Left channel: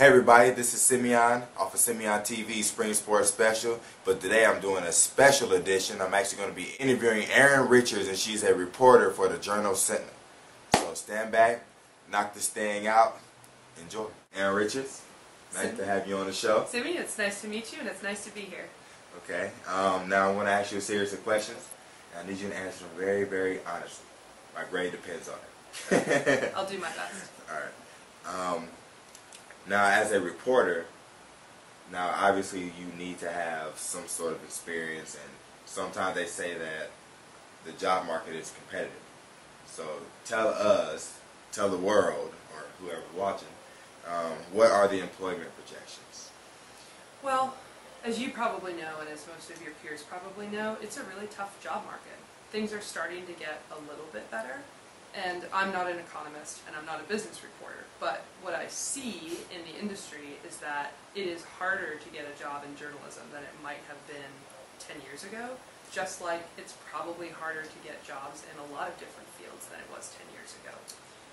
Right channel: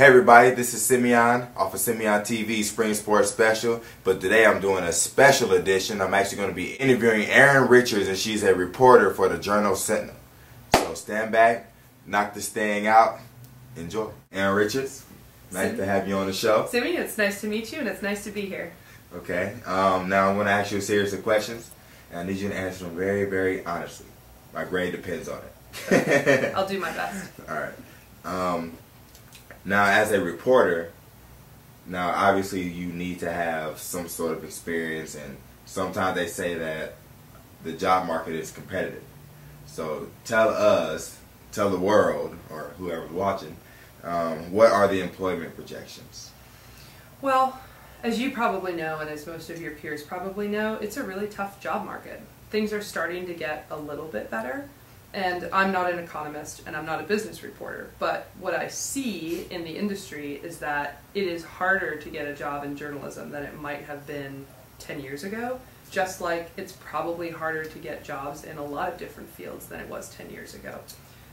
Hey everybody, this is Simeon off of SymeonTV Spring Sports Special, but today I'm doing a special edition. I'm actually going to be interviewing Erin Richards, and she's a reporter for the Journal Sentinel. So stand back, knock this thing out, enjoy. Erin Richards, nice to have you on the show. Simeon, it's nice to meet you and it's nice to be here. Okay, now I'm going to ask you a series of questions, and I need you to answer them very, very honestly. My grade depends on it. I'll do my best. Alright. Now, as a reporter, now obviously you need to have some sort of experience, and sometimes they say that the job market is competitive. So tell us, tell the world, or whoever's watching, what are the employment projections? Well, as you probably know, and as most of your peers probably know, it's a really tough job market. Things are starting to get a little bit better. And I'm not an economist and I'm not a business reporter, but what I see in the industry is that it is harder to get a job in journalism than it might have been 10 years ago, just like it's probably harder to get jobs in a lot of different fields than it was 10 years ago.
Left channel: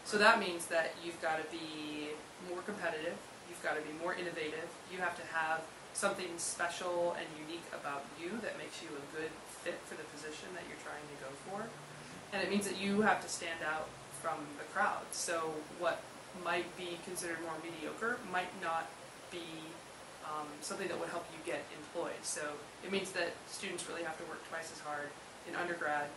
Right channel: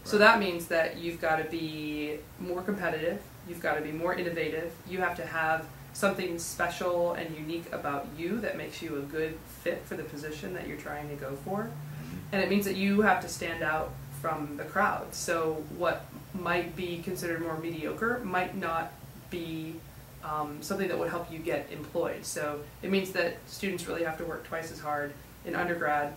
So that means that you've got to be more competitive, you've got to be more innovative, you have to have something special and unique about you that makes you a good fit for the position that you're trying to go for. And it means that you have to stand out from the crowd. So what might be considered more mediocre might not be something that would help you get employed. So it means that students really have to work twice as hard in undergrad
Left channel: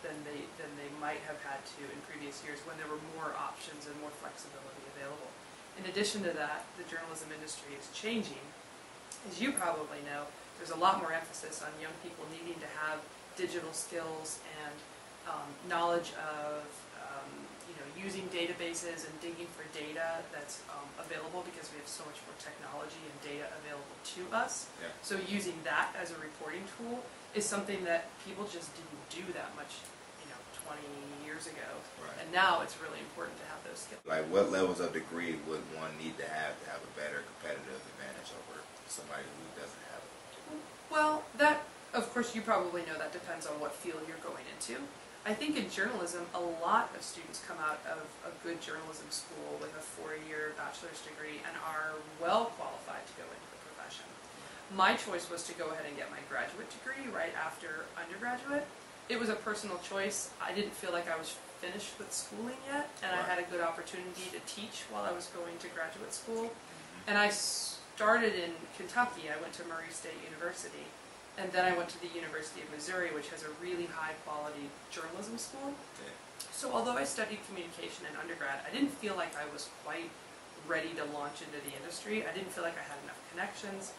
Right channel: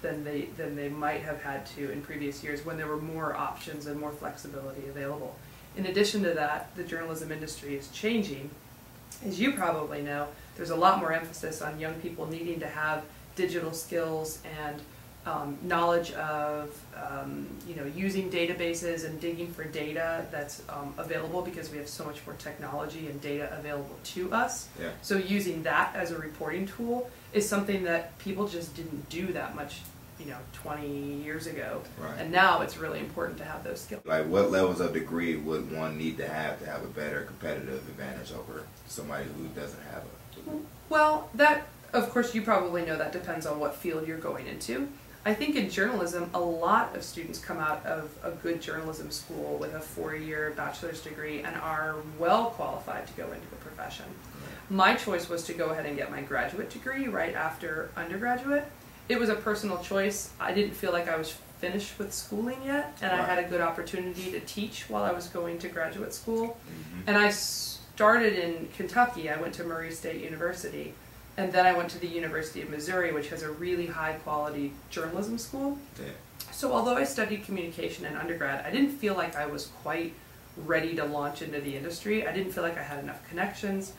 than they might have had to in previous years when there were more options and more flexibility available. In addition to that, the journalism industry is changing. As you probably know, there's a lot more emphasis on young people needing to have digital skills and knowledge of using databases and digging for data that's available because we have so much more technology and data available to us. Yeah. So using that as a reporting tool is something that people just didn't do that much 20 years ago. Right. And now it's really important to have those skills. Like, what levels of degree would one need to have a better competitive advantage over somebody who doesn't have a degree? Well, that, of course, you probably know that depends on what field you're going into. I think in journalism, a lot of students come out of a good journalism school with a 4-year bachelor's degree and are well qualified to go into the profession. My choice was to go ahead and get my graduate degree right after undergraduate. It was a personal choice. I didn't feel like I was finished with schooling yet, and I had a good opportunity to teach while I was going to graduate school. And I started in Kentucky. I went to Murray State University. And then I went to the University of Missouri, which has a really high-quality journalism school. Yeah. So although I studied communication in undergrad, I didn't feel like I was quite ready to launch into the industry. I didn't feel like I had enough connections.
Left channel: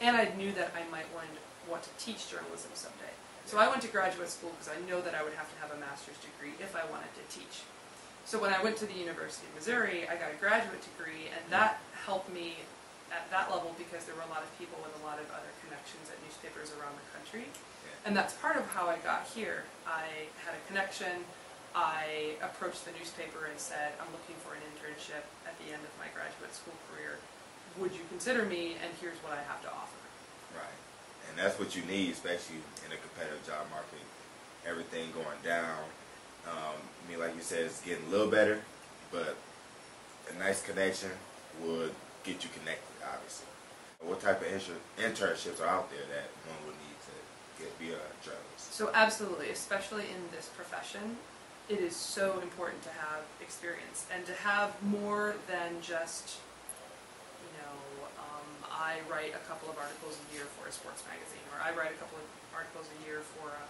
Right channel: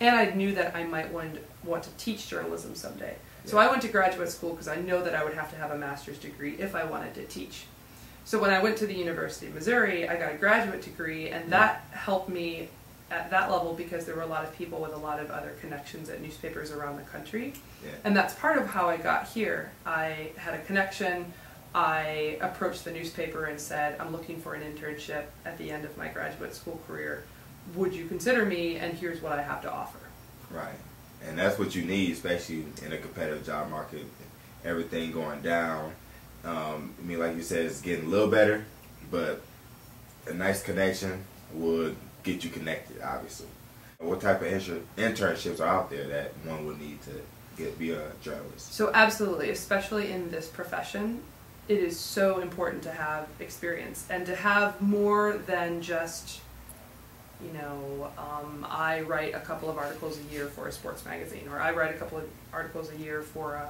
And I knew that I might want to teach journalism someday. Yeah. So I went to graduate school because I know that I would have to have a master's degree if I wanted to teach. So when I went to the University of Missouri, I got a graduate degree, and that helped me at that level because there were a lot of people with a lot of other connections at newspapers around the country. Yeah. And that's part of how I got here. I had a connection. I approached the newspaper and said, I'm looking for an internship at the end of my graduate school career. Would you consider me? And here's what I have to offer. Right. And that's what you need, especially in a competitive job market. Everything going down. I mean, like you said, it's getting a little better, but a nice connection would get you connected, obviously. What type of internships are out there that one would need to be a journalist? So absolutely, especially in this profession, it is so important to have experience and to have more than just, I write a couple of articles a year for a sports magazine, or I write a couple of articles a year for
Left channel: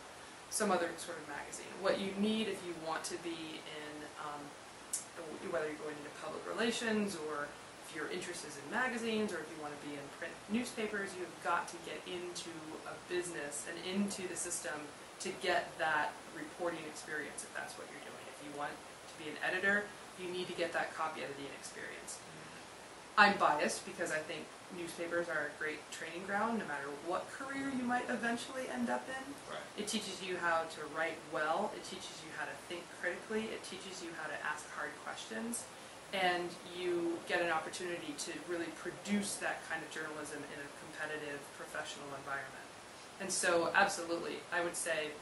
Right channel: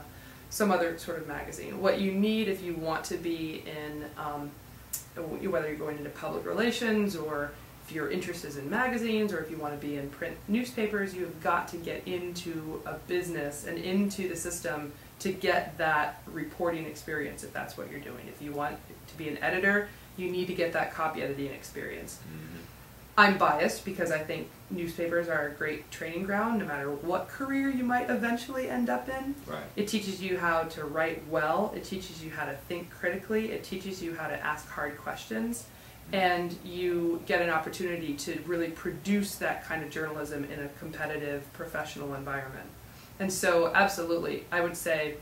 some other sort of magazine. What you need if you want to be in, whether you're going into public relations or if your interest is in magazines or if you want to be in print newspapers, you've got to get into a business and into the system to get that reporting experience if that's what you're doing. If you want to be an editor, you need to get that copy editing experience. I'm biased because I think newspapers are a great training ground no matter what career you might eventually end up in. Right. It teaches you how to write well, it teaches you how to think critically, it teaches you how to ask hard questions, and you get an opportunity to really produce that kind of journalism in a competitive professional environment. And so absolutely, I would say,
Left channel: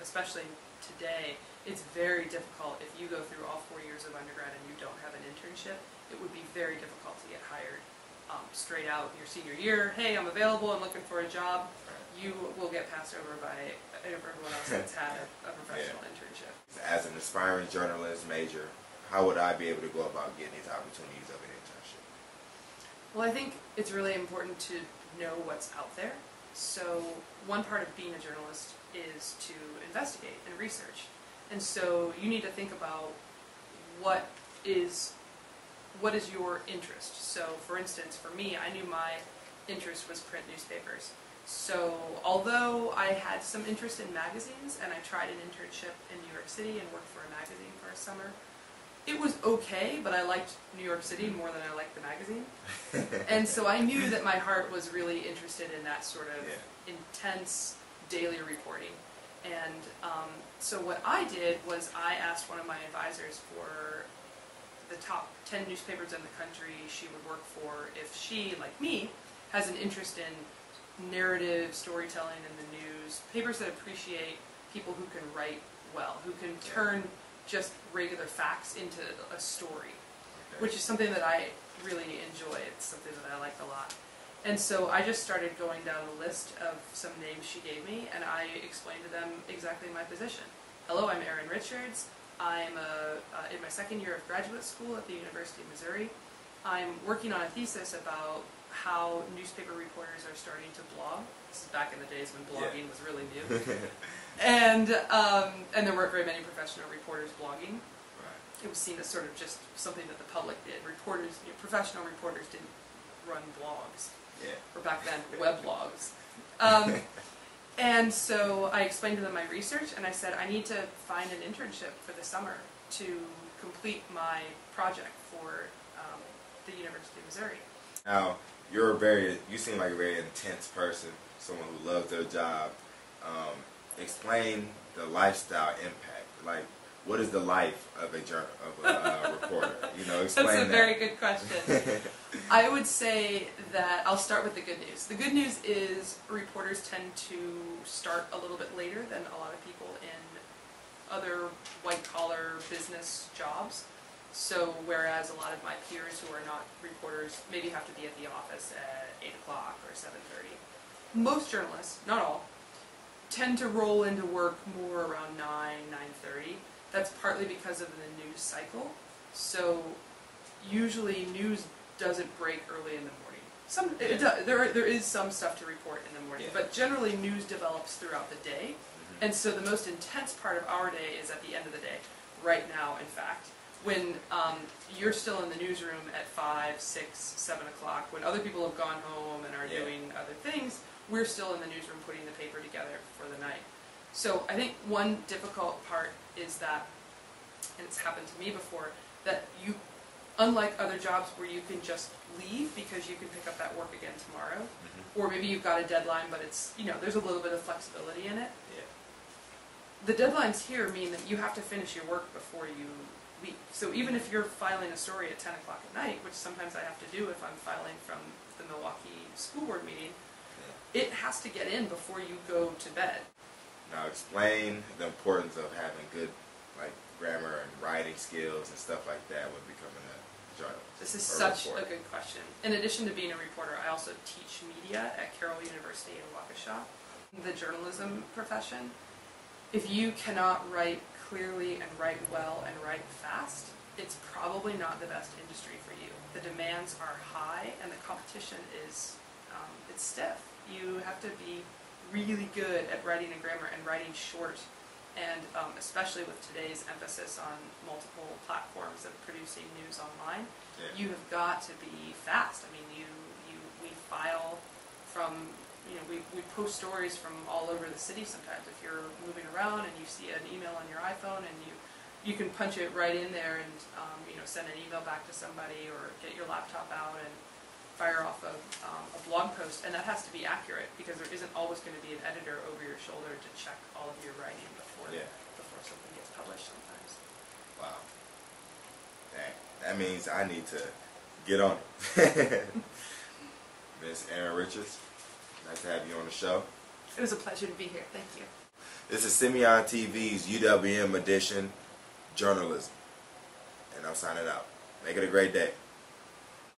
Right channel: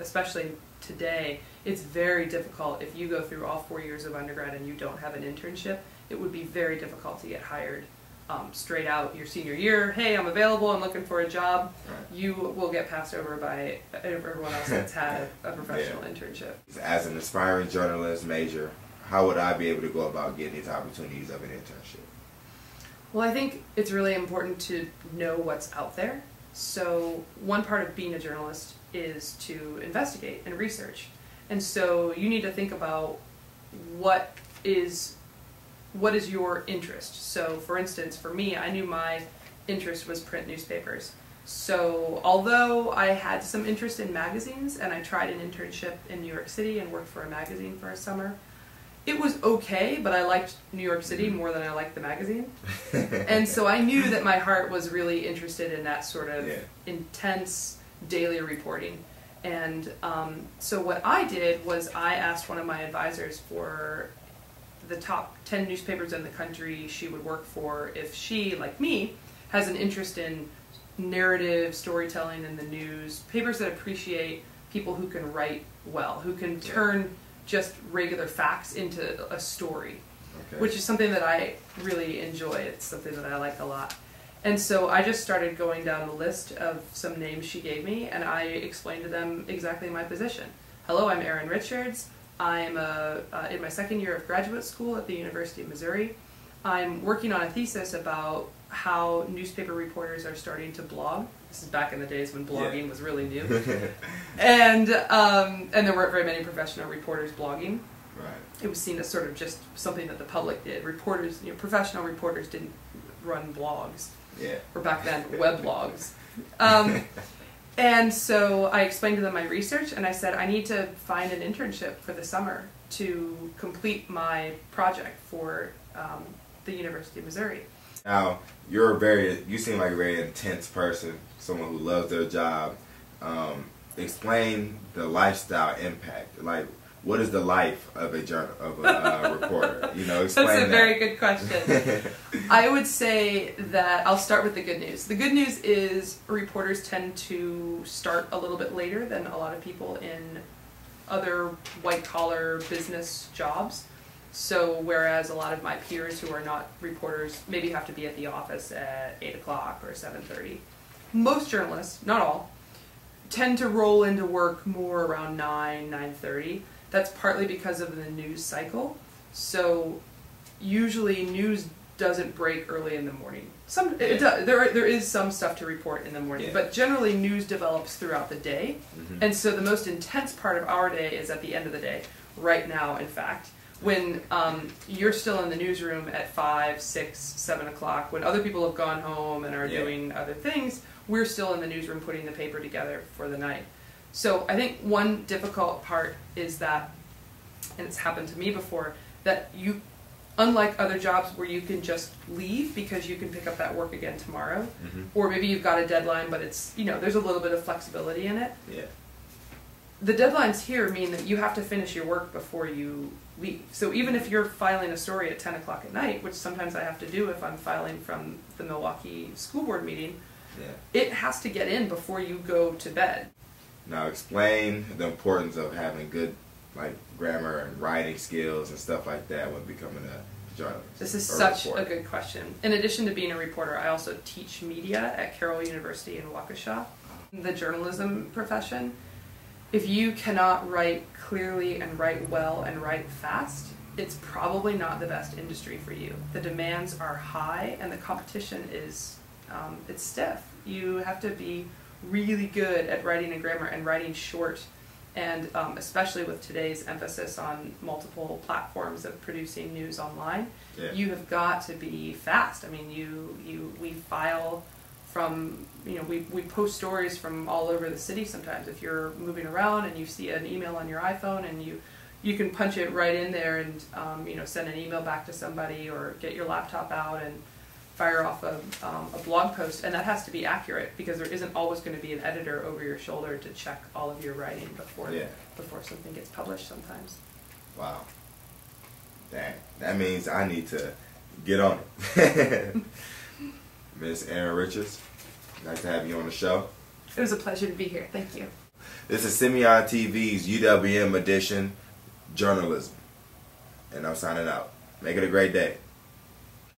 especially today, it's very difficult if you go through all 4 years of undergrad and you don't have an internship. it would be very difficult to get hired straight out your senior year. Hey, I'm available, I'm looking for a job. Right. You will get passed over by everyone else that's had a professional internship. As an aspiring journalist major, how would I be able to go about getting these opportunities of an internship? Well, I think it's really important to know what's out there. So one part of being a journalist is to investigate and research. And so you need to think about what is your interest. So for instance, for me, I knew my interest was print newspapers. So although I had some interest in magazines and I tried an internship in New York City and worked for a magazine for a summer, it was okay, but I liked New York City more than I liked the magazine. And so I knew that my heart was really interested in that sort of intense daily reporting. And so what I did was I asked one of my advisors for the top 10 newspapers in the country she would work for if she, like me, has an interest in narrative, storytelling in the news, papers that appreciate people who can write well, who can turn just regular facts into a story, which is something that I really enjoy. It's something that I like a lot. And so I just started going down the list of some names she gave me, and I explained to them exactly my position. Hello, I'm Erin Richards. I'm in my second year of graduate school at the University of Missouri. I'm working on a thesis about how newspaper reporters are starting to blog. This is back in the days when blogging was really new. And there weren't very many professional reporters blogging. Right. It was seen as sort of just something that the public did. Reporters, professional reporters didn't run blogs. Yeah. Or back then, weblogs. And so I explained to them my research, and I said, I need to find an internship for the summer to complete my project for the University of Missouri. Now, you seem like a very intense person, someone who loves their job. Explain the lifestyle impact. Like, what is the life of a reporter? Explain That's a that. very good question. I would say that I'll start with the good news. The good news is reporters tend to start a little bit later than a lot of people in other white-collar business jobs. So whereas a lot of my peers who are not reporters maybe have to be at the office at 8 o'clock or 7:30, most journalists, not all, tend to roll into work more around 9:30. That's partly because of the news cycle. So usually news doesn't break early in the morning. It does. There is some stuff to report in the morning, but generally news develops throughout the day. And so the most intense part of our day is at the end of the day, right now in fact, when you're still in the newsroom at 5, 6, 7 o'clock, when other people have gone home and are doing other things, we're still in the newsroom putting the paper together for the night. So I think one difficult part is that, and it's happened to me before, that you, unlike other jobs where you can just leave because you can pick up that work again tomorrow, or maybe you've got a deadline but it's, there's a little bit of flexibility in it. Yeah. The deadlines here mean that you have to finish your work before you leave. So even if you're filing a story at 10 o'clock at night, which sometimes I have to do if I'm filing from the Milwaukee school board meeting, it has to get in before you go to bed. Now explain the importance of having good grammar and writing skills and stuff like that when becoming a journalist. This is such a good question. In addition to being a reporter, I also teach media at Carroll University in Waukesha. The journalism profession, if you cannot write clearly and write well and write fast, it's probably not the best industry for you. The demands are high and the competition is it's stiff. You have to be really good at writing and grammar and writing short, and especially with today's emphasis on multiple platforms of producing news online, you have got to be fast. I mean, we file from, we post stories from all over the city sometimes. If you're moving around and you see an email on your iPhone and you can punch it right in there and send an email back to somebody or get your laptop out and fire off a blog post, and that has to be accurate because there isn't always going to be an editor over your shoulder to check all of your writing before something gets published sometimes. Wow. Dang. That means I need to get on it. Miss Erin Richards, nice to have you on the show. It was a pleasure to be here. Thank you. This is SymeonTV's UWM edition, Journalism. And I'm signing out. Make it a great day.